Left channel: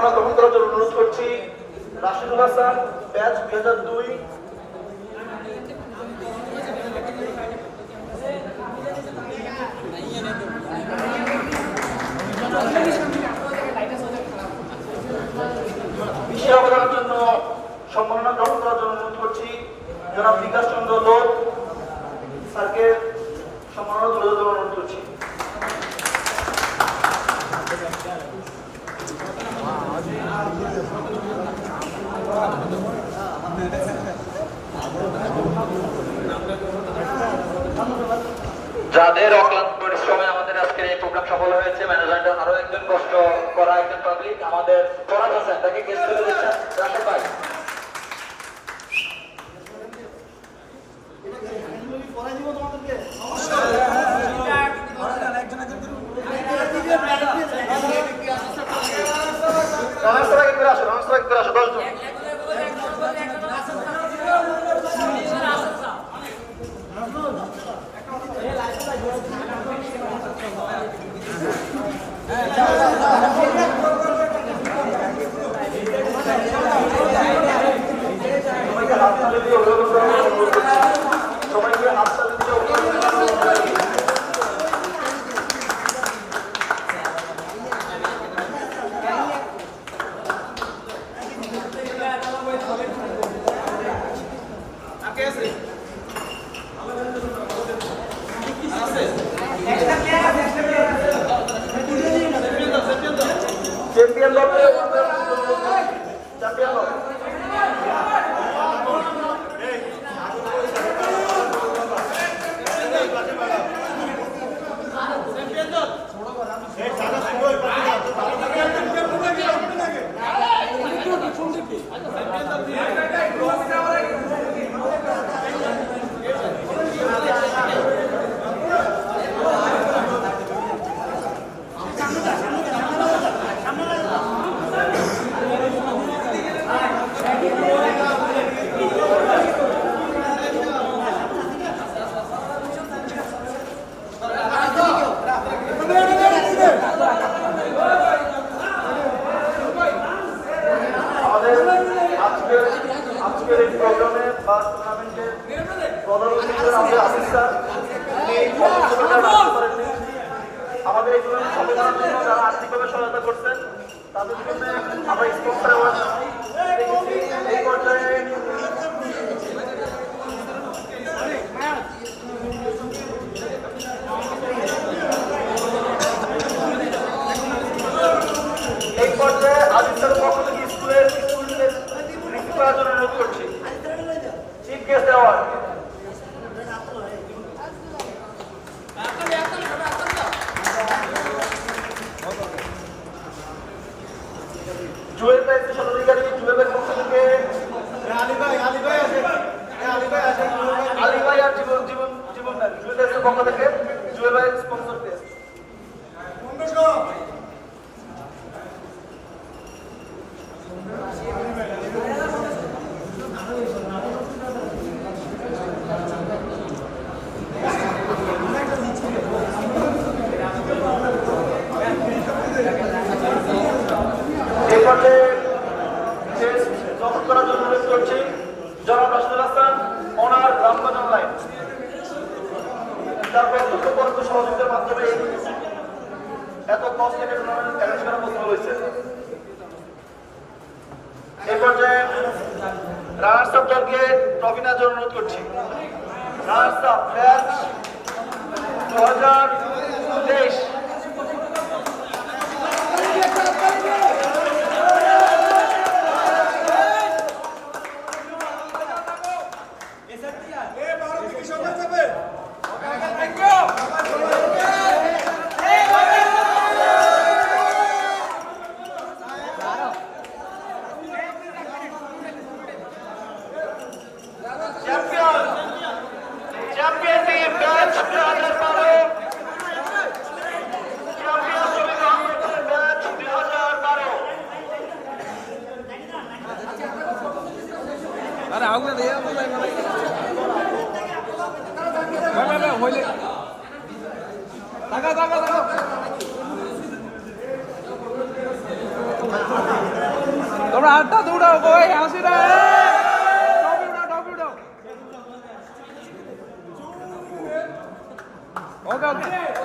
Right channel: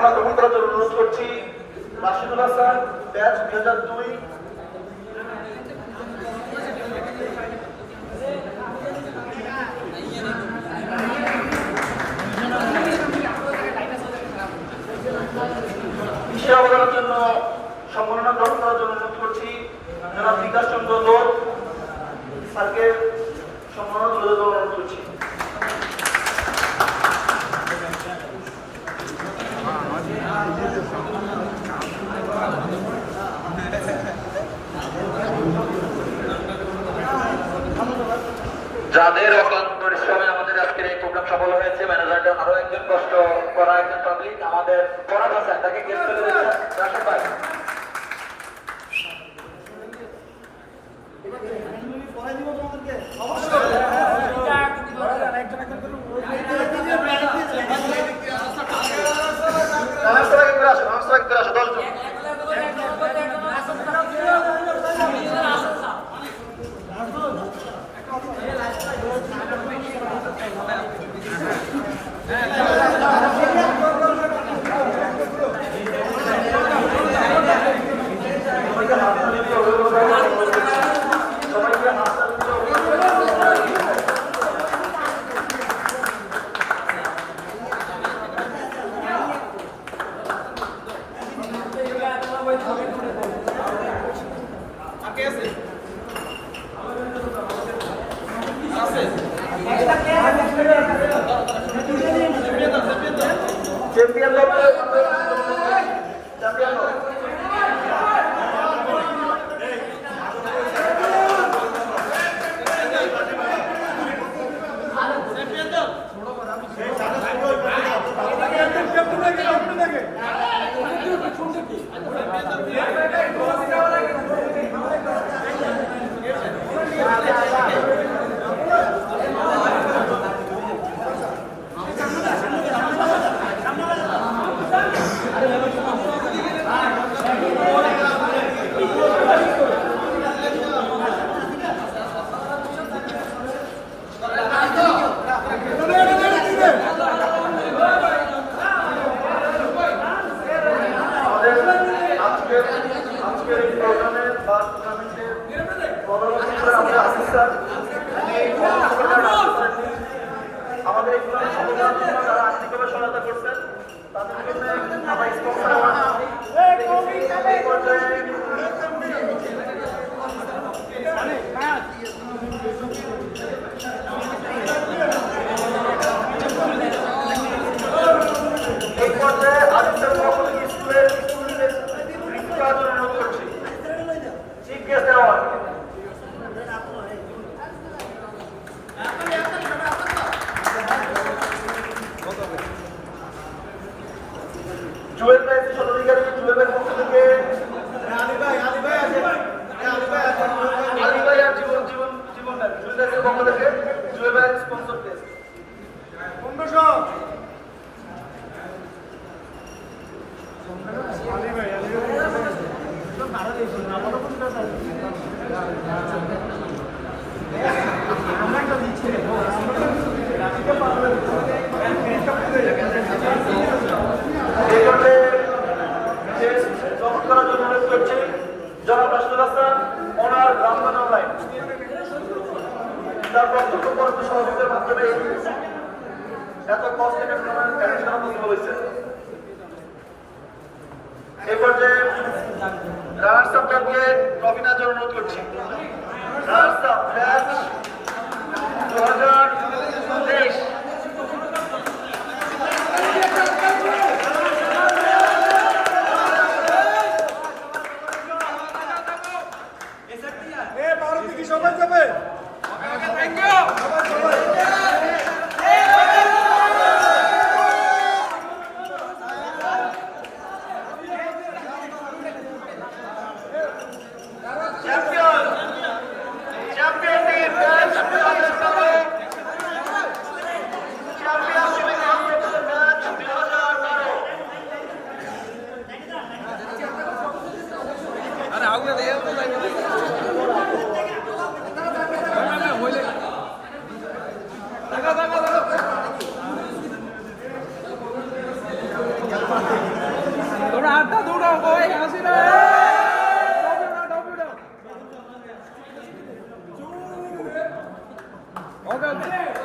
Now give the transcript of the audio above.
সম্মাননা গ্রহণ করার জন্য অনুরোধ করছি রাশিদুল হাসান, ব্যাচ 2002। বিশেষ অবদানের জন্য সম্মাননা গ্রহণ করার জন্য অনুরোধ করছি জনাব বিকাশ চন্দ্র লোধ স্যারকে সম্মাননা তুলে ধরার অনুরোধ করছি। যাদের অক্লান্ত পরিশ্রমে আমাদের আজকের এই প্রোগ্রাম সফল হয়েছে, ম্যানেজমেন্টের আরো একজন কষ্ট করা একজন পাবলিক আমাদের ফরহাদ হাসান, তাকে গেস্ট করে দিচ্ছেন রাশেদ ভাই। চ্যাম্পিয়ন দল চ্যাম্পিয়ন দল আজকের এই প্রোগ্রামে বা টুর্নামেন্টের প্রধান অতিথি আমাদের আসিফ স্যার, তিনি আসতে পারেননি। আমাদের এই টুর্নামেন্ট সফল করার জন্য যারা আর্থিকভাবে সহায়তা করছেন তাদের জন্য আমরা স্পন্সর অ্যাওয়ার্ড দেখেছি। এই পর্যায়ে আজিজ স্যারের পক্ষ থেকে স্কুলের স্টুডেন্টদের বৃত্তি করার জন্য অনুরোধ করছি। চিফ গেস্ট অ্যাওয়ার্ড জুয়েল ভাই, সদধিকারী জুয়েল ভাইয়ের পক্ষ থেকে আলী ভাই আর জীবন ভাই, জুয়েল ভাইয়ের পক্ষ থেকে জুয়েল ভাই স্পন্সর গেস্ট। এই পর্যায়ে গ্রহণ করার জন্য অনুরোধ করছি জনাব রাশিদুল হাসান, ওনার গ্রামগঞ্জ অনলাইন, তার প্রত্যক্ষ পরোক্ষ সহযোগিতার মাধ্যমে এত কষ্ট থেকে অ্যারেঞ্জ করা পসিবল হয়েছে। এই পর্যায়ে রানার্স আপ দলকে ট্রফি নেওয়ার জন্য অনুরোধ করছি। Runners up batch 2023। ওকে ওকে